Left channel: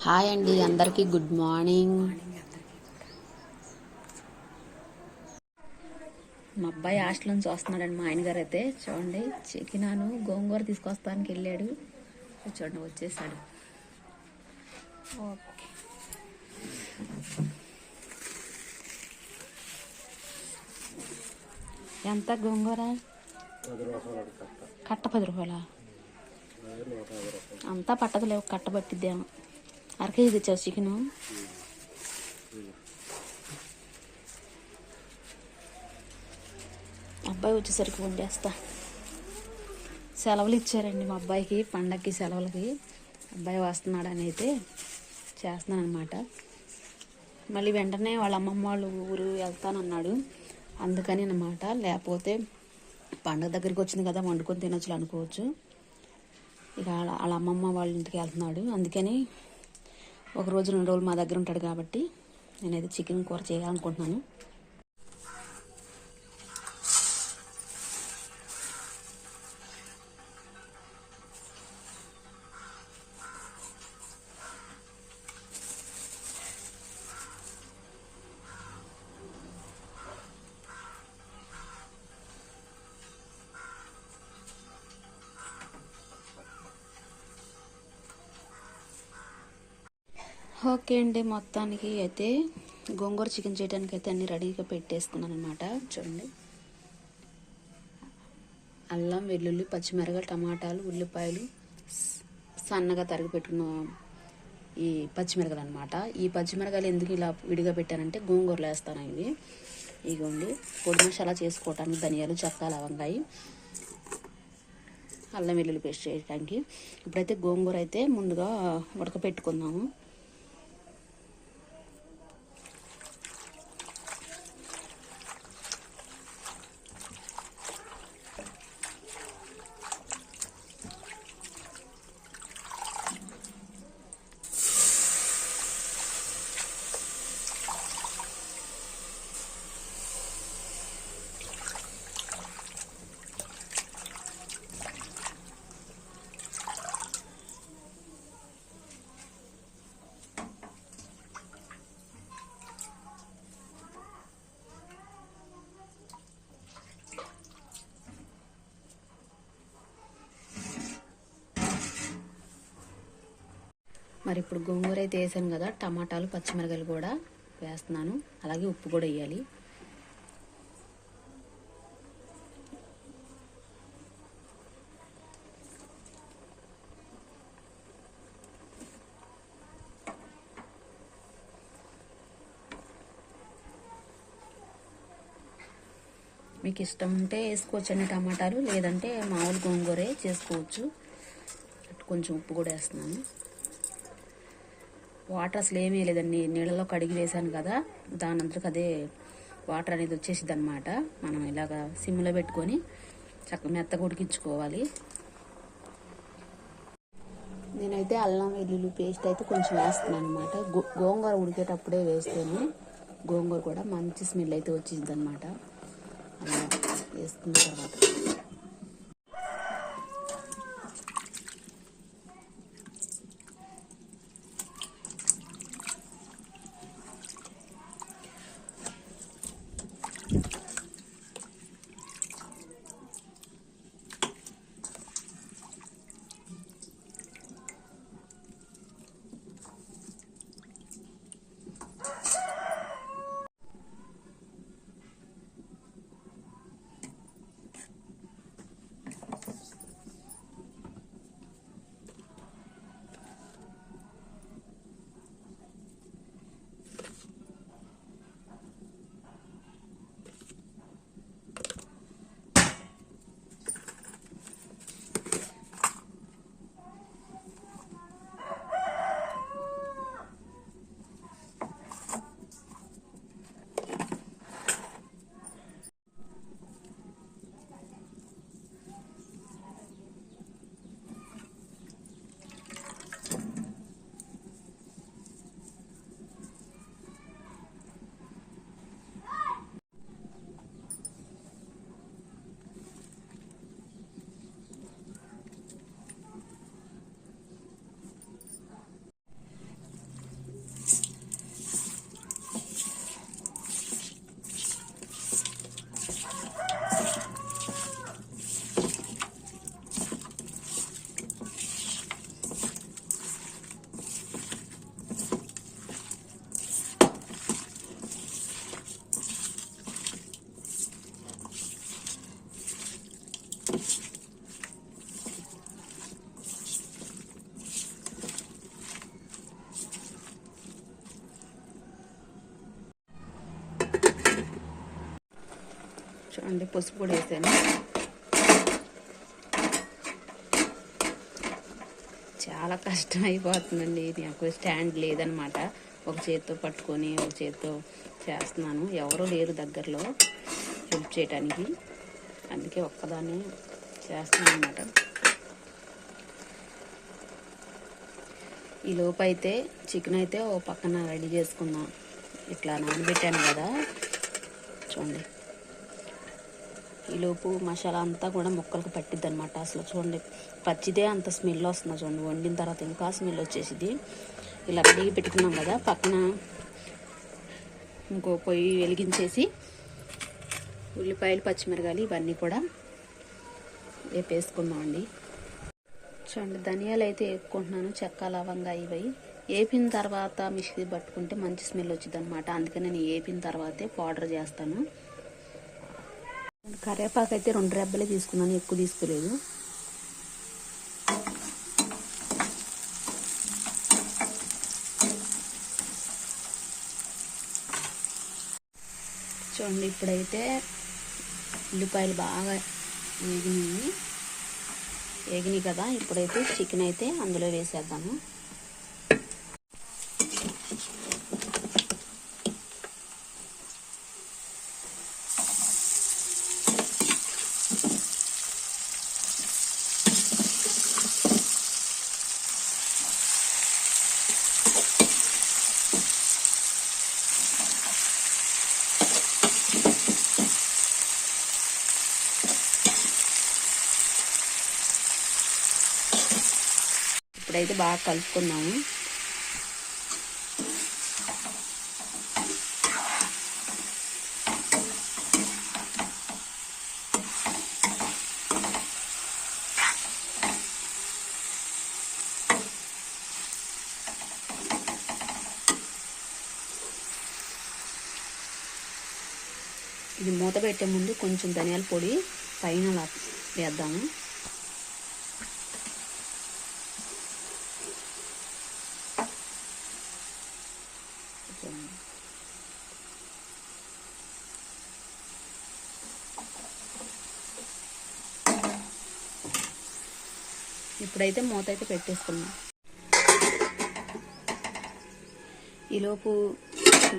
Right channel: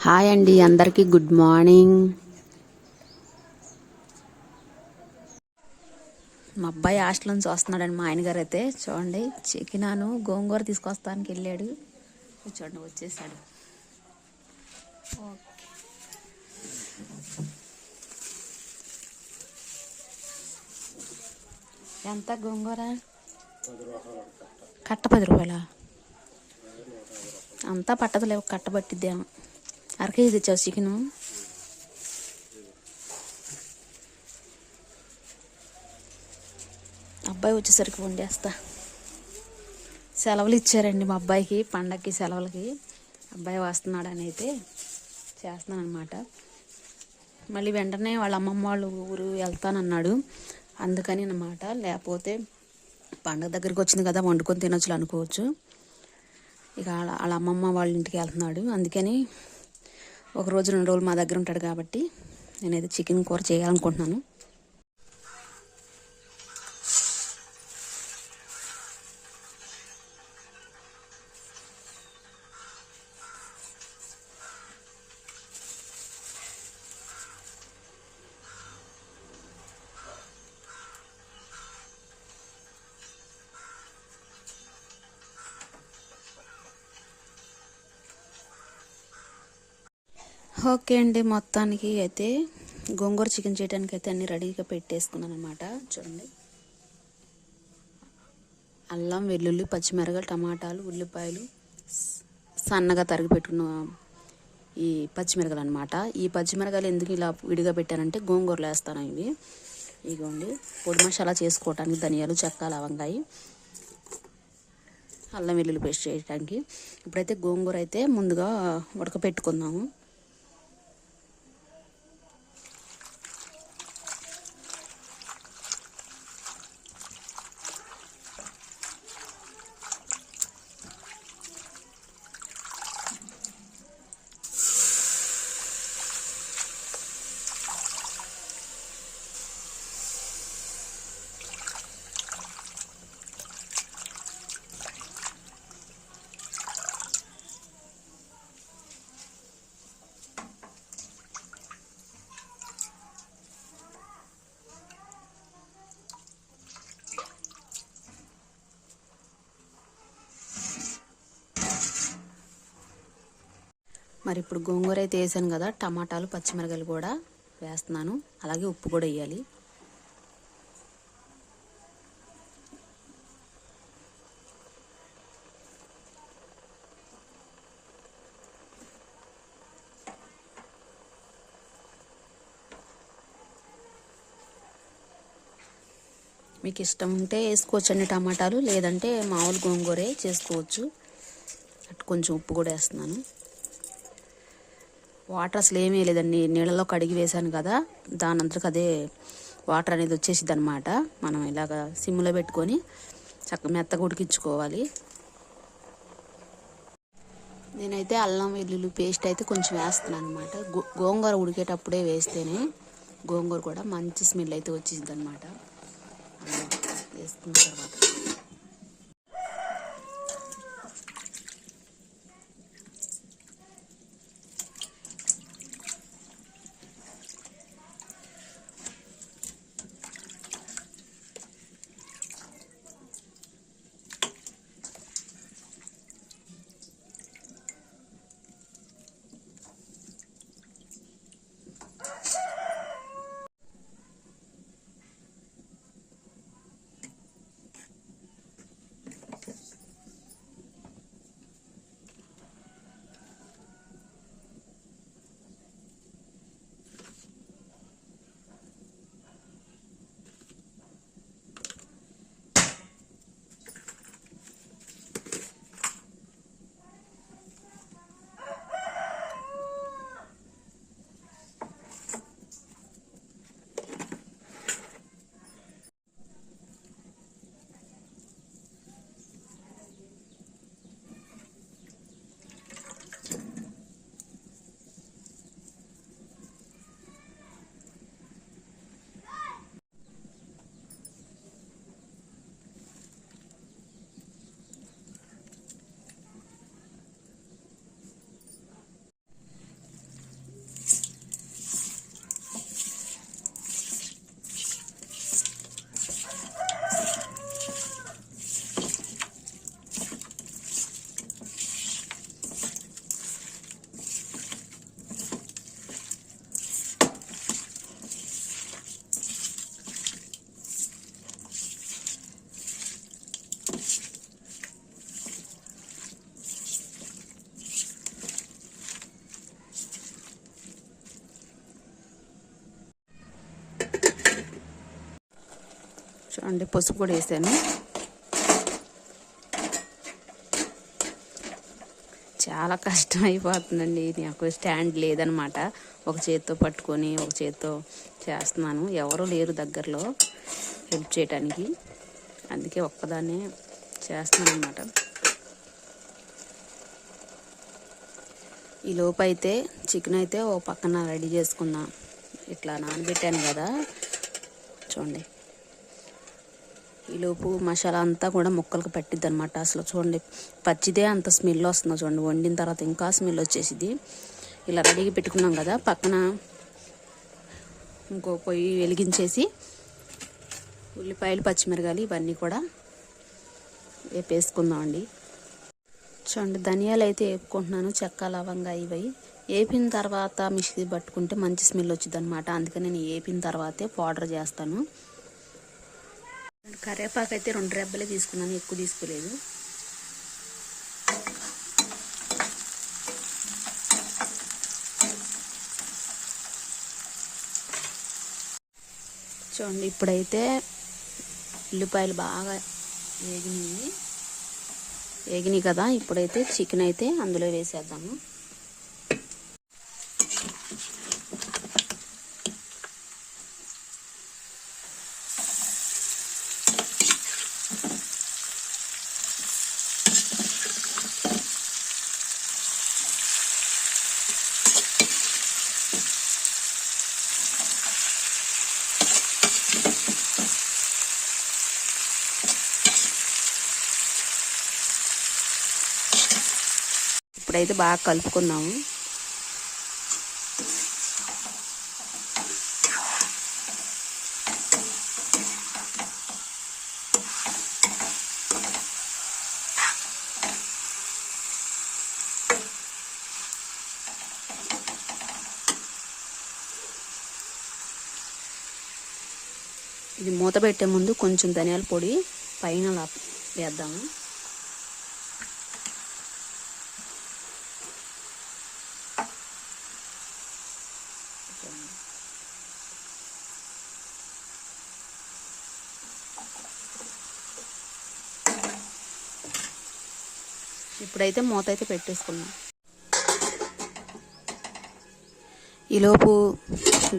Hi అండి అందరికీ good morning. మా అబ్బాయి హాస్టల్ నుంచి వస్తున్నాడండి మా ఆయన గారు అయితే. చూడండి చికెనాను గోంగూర తీసుకొస్తానికి వెళ్ళాడు. చూడండి వచ్చేసాడు. ఓకే. ఎంత గోంగూర? కట్ట పది రూపాయలా? అంతా పట్టదులేవు కట్ట పట్టిద్దాము. అర కేజీ తెచ్చావు చికెను అబ్బాయి వచ్చేసరికి ఫోన్ చేస్తా. సెలవులు ఇచ్చారండి మా అబ్బాయికి పండగకి సెలవులకి. అబ్బాయి వస్తున్నాడని అయితే చేస్తున్నాను అనమాట మళ్ళీ వెంటనే వాళ్ళ అమ్మమ్మ వాళ్ళ ఊరు వెళ్తానన్నాడు. అందుకని అన్నమాట లేకపోతే పండగ దగ్గరికి వచ్చింది కదా వండుకొని తినొచ్చు అనుకోవచ్చు ఇక వాళ్ళ అమ్మమ్మ వాళ్ళ ఇంటికి వెళ్తున్నాడు. అందుకని ఒక రోజు రెండు రోజులు మా దగ్గర ఉంటాడు కాబట్టి నేనైతే చికెన్ కూర చేయాలనుకుంటున్నాను. ఓకే అండి మొత్తానికి అయితే గోంగూర చికెన్ చేయడానికి అయితే అన్ని రెడీగా పెట్టేసుకున్నాను అనమాట చూడండి. అల్లం వెల్లుల్లి పచ్చిమిరగా టమాటాలు ఉల్లిపాయలు సన్నగా తరిగి పెట్టుకున్న ఈ పచ్చిమిరగలు అనమాట ఈ పచ్చిమిరగాయలు ఎందుకు ఇలా విడిగా పెట్టానంటే గోంగూరలు వేస్తాను ఇవి. ఇగోండి పొడి మసాలా చేసుకోవటానికి ధనియాలు చెక్క లవంగాయి అల్లం వెల్లుల్లి పేస్ట్ చేయడానికి ఇప్పుడైతే గోంగూర అయితే ముందుగా ఉడకపెట్టుకుందాము. మరి ఇప్పుడు గోంగూర అయితే వేసాను కదా టమాటాలు పచ్చిమిరకాయలు కూడా వేస్తున్నాను. అలాగే ఉప్పు కూడా వేయాలి. మీకు ఇష్టం ఉంటే వేసుకోవచ్చు అండి టమాటాలు లేదంటే మామూలు గోంగూరే చేసుకోవచ్చు. కొంచెం ఉప్పు కూడా వేస్తున్నాను. వాటర్ అసలు ఏమీ లేదండి. నీళ్ళలో కడిగి వేసాను కదా దాని అంతకు అదే వాటర్ అనేది వచ్చేసింది అనమాట మనం ఇలాగ సిమ్లో పెట్టుకొని చక్కగా మెత్తగా ఉడికించుకోవాలి. నేనైతే అల్లం వెల్లుల్లి పేస్ట్ అయితే కొంచెం వేస్తున్నాను అనమాట గోంగూర ఉడికేటప్పుడే వేస్తేనే గోంగూర కూడా మంచి స్మెల్ అయితే వచ్చింది అనమాట అలా వేసుకున్న తర్వాత. చూడండి పసుపు కూడా వేసాను. చాలా కష్టం అయిపోతుందండి. నాకు స్టాండ్ లేదనమాట. ఒక చేత్తో పట్టుకొని ఒక చేత్తో చేస్తున్నాను. ఎవరు లేరు దగ్గరలో హెల్ప్ చేయడానికి అందుకే ఒక్కదాన్నే చేస్తున్నాను అనమాట ఈ లోపు అయితే చికెన్ అయితే ఓ పక్కన రెడీ చేసుకుందాం ఇట్లా నానబెట్టాను కదా. చూడండి. ఈలోపు మసాలా అంతా కూడా ముక్కలకు పట్టిద్ది అనమాట అసలు చూడండి పచ్చిదే అంత స్మెల్ వస్తుందో చూడండి. వండిన తర్వాత ఇంకా స్మెల్ వచ్చేసింది ఇలా రెడీగా పెట్టుకున్నాం కదా పక్కన ఇంకో పొయ్యి వెలిగించేసి ఉల్లిపాయలు పచ్చిమిరకాయలు ఇవన్నీ కూడా వేపేసుకుందామండి చూడండి ధనియాలు అయితే వేపుకుంటున్నాను చెక్క లవంగా ఇవి. వేపిన తర్వాత మిక్సీ పట్టుకుంటే మంచి స్మెల్ వచ్చింది అనమాట అందుకని నేను వేపిన తర్వాతే పౌడర్ చేస్తాను. కరివేపాకు అయితే రెండు రెబ్బలే తీసుకున్నాను ఎక్కువ తీసుకోలేదు. చూడండి ఇప్పుడైతే ఉల్లిపాయలు బాగా వేగినాయి. వేగినాయి కదా ఇప్పుడైతే చికెన్ అయితే అందులో వేసేద్దాము. ఇప్పుడైతే బాగా కలుపుకున్నాము. ఇది మూత పెట్టే ముందు కొంచెం ధనియాల పొడి పైన వేద్దాము. ఇప్పుడైతే మూత అయితే పెట్టేసుకున్నాం ఈలోపు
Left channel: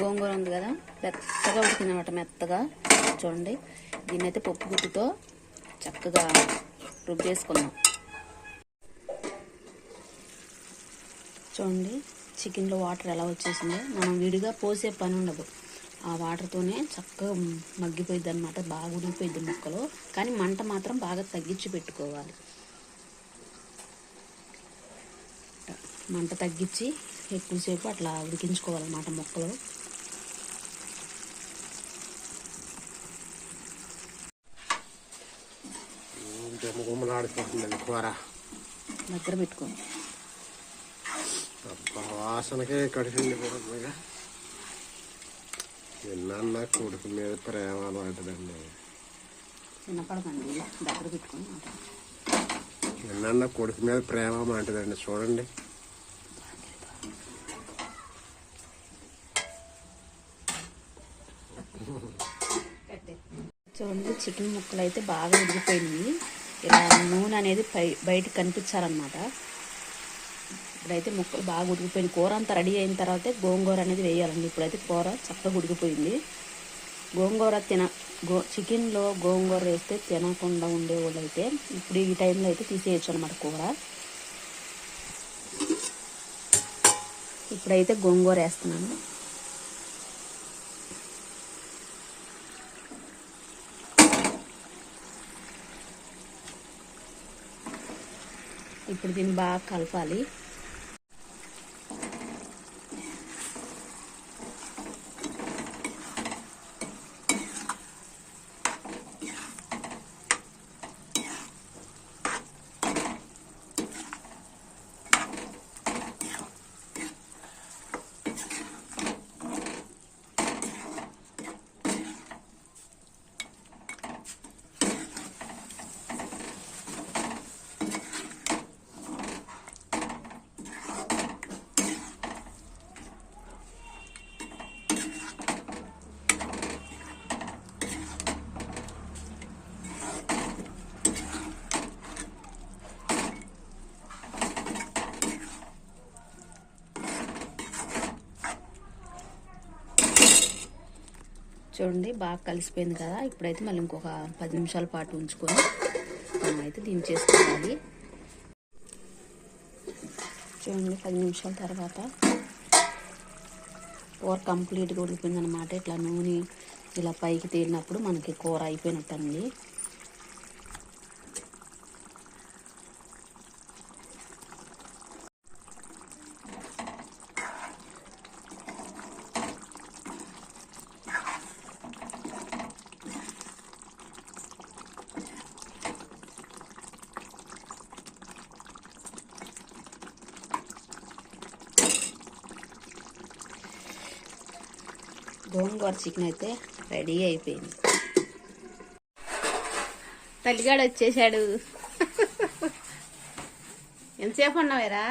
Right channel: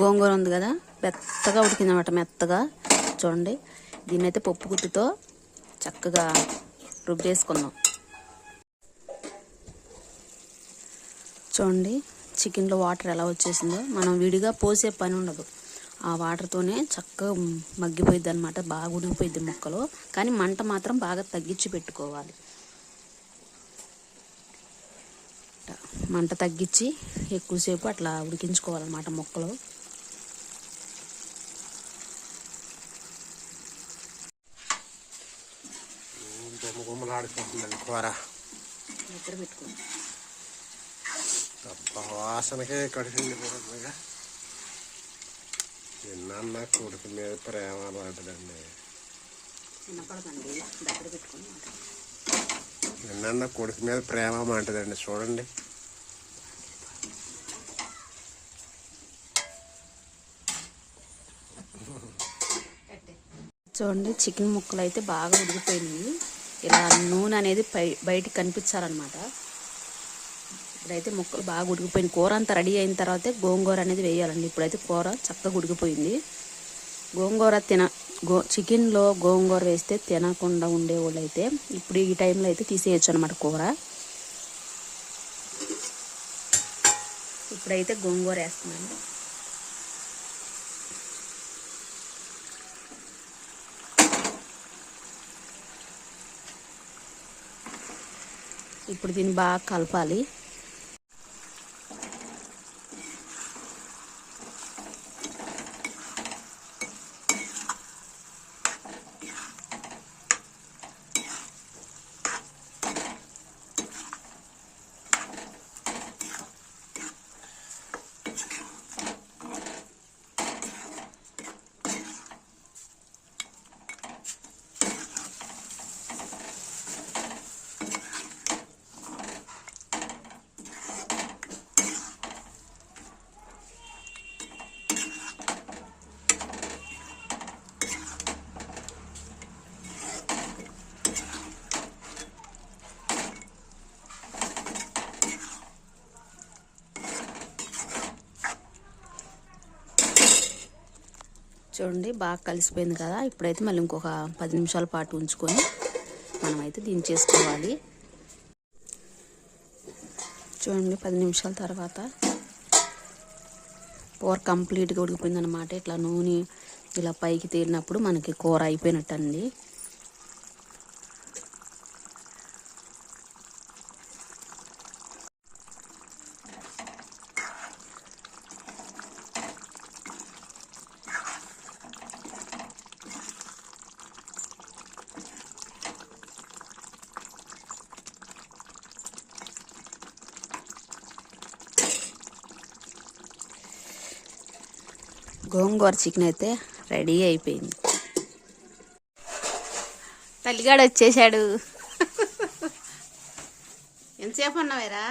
గోంగూర ఉంది కదా మెత్తగా ఉడికిందన్నమాట మెత్తగా. చూడండి దీన్ని అయితే పప్పు గుత్తుతో చక్కగా రుబ్బేసుకుందాం చూడండి చికెన్లో వాటర్ ఎలా వచ్చేసిందో. మనం విడిగా పోసే పని ఉండదు. ఆ వాటర్తోనే చక్కగా మగ్గిపోయిద్ది అనమాట బాగా ఉడికిపోయిద్ది ముక్కలు. కానీ మంట మాత్రం బాగా తగ్గించి పెట్టుకోవాలి. మంట తగ్గించి ఎక్కువసేపు అట్లా ఉడికించుకోవాలన్నమాట ముక్కలు. గుమ్మ గుమ్మలాడిపోతుందండి కూర దగ్గర పెట్టుకోండి. అబ్బా వాసనకే నిన్న కొడుకు మీద ప్రేమ మాట్లాడండి. నిన్న కొడుకు మీద ప్రేమ అంటదండి చూడండి. చూడండి చికెన్ ముక్కలు అయితే బాగా ఉడికిపోయినాయి. ఇలా నూనె అనేది పై బయటకు కనిపించాలన్నమాట. ఇప్పుడైతే ముక్కలు బాగా ఉడికిపోయింది కూర అంతా రెడీ అయిన తర్వాత గోంగూర అనేది వేయాలండి. ఇప్పుడైతే కూర చక్కగా ఉడికిపోయింది. గోంగూర తిన గో చికెన్లో గోంగూర వేస్తే తినకుండా ఉండేవాళ్ళు అయితే ఇప్పుడు ఈ టైంలో అయితే తీసేయచ్చు అనమాట కూర. ఇప్పుడైతే గోంగూర వేస్తున్నాను. ఇప్పుడు దీన్ని బాగా కలపాలి. చూడండి బాగా కలిసిపోయింది కదా. ఇప్పుడైతే మళ్ళీ ఇంకొక పది నిమిషాల పాటు ఉంచుకొని మనమైతే దించేసుకోవాలి చూడండి పది నిమిషాల తర్వాత కూర కంప్లీట్గా ఉడికిపోయింది అనమాట ఇట్లా నూనె ఇలా పైకి తీరినప్పుడు మనకి కూర అయిపోయినట్టు గోంగూర చికెన్ అయితే రెడీ అయిపోయింది. తల్లిగాడు వచ్చేసాడు. ఎంతసేపు ఉన్నావేరా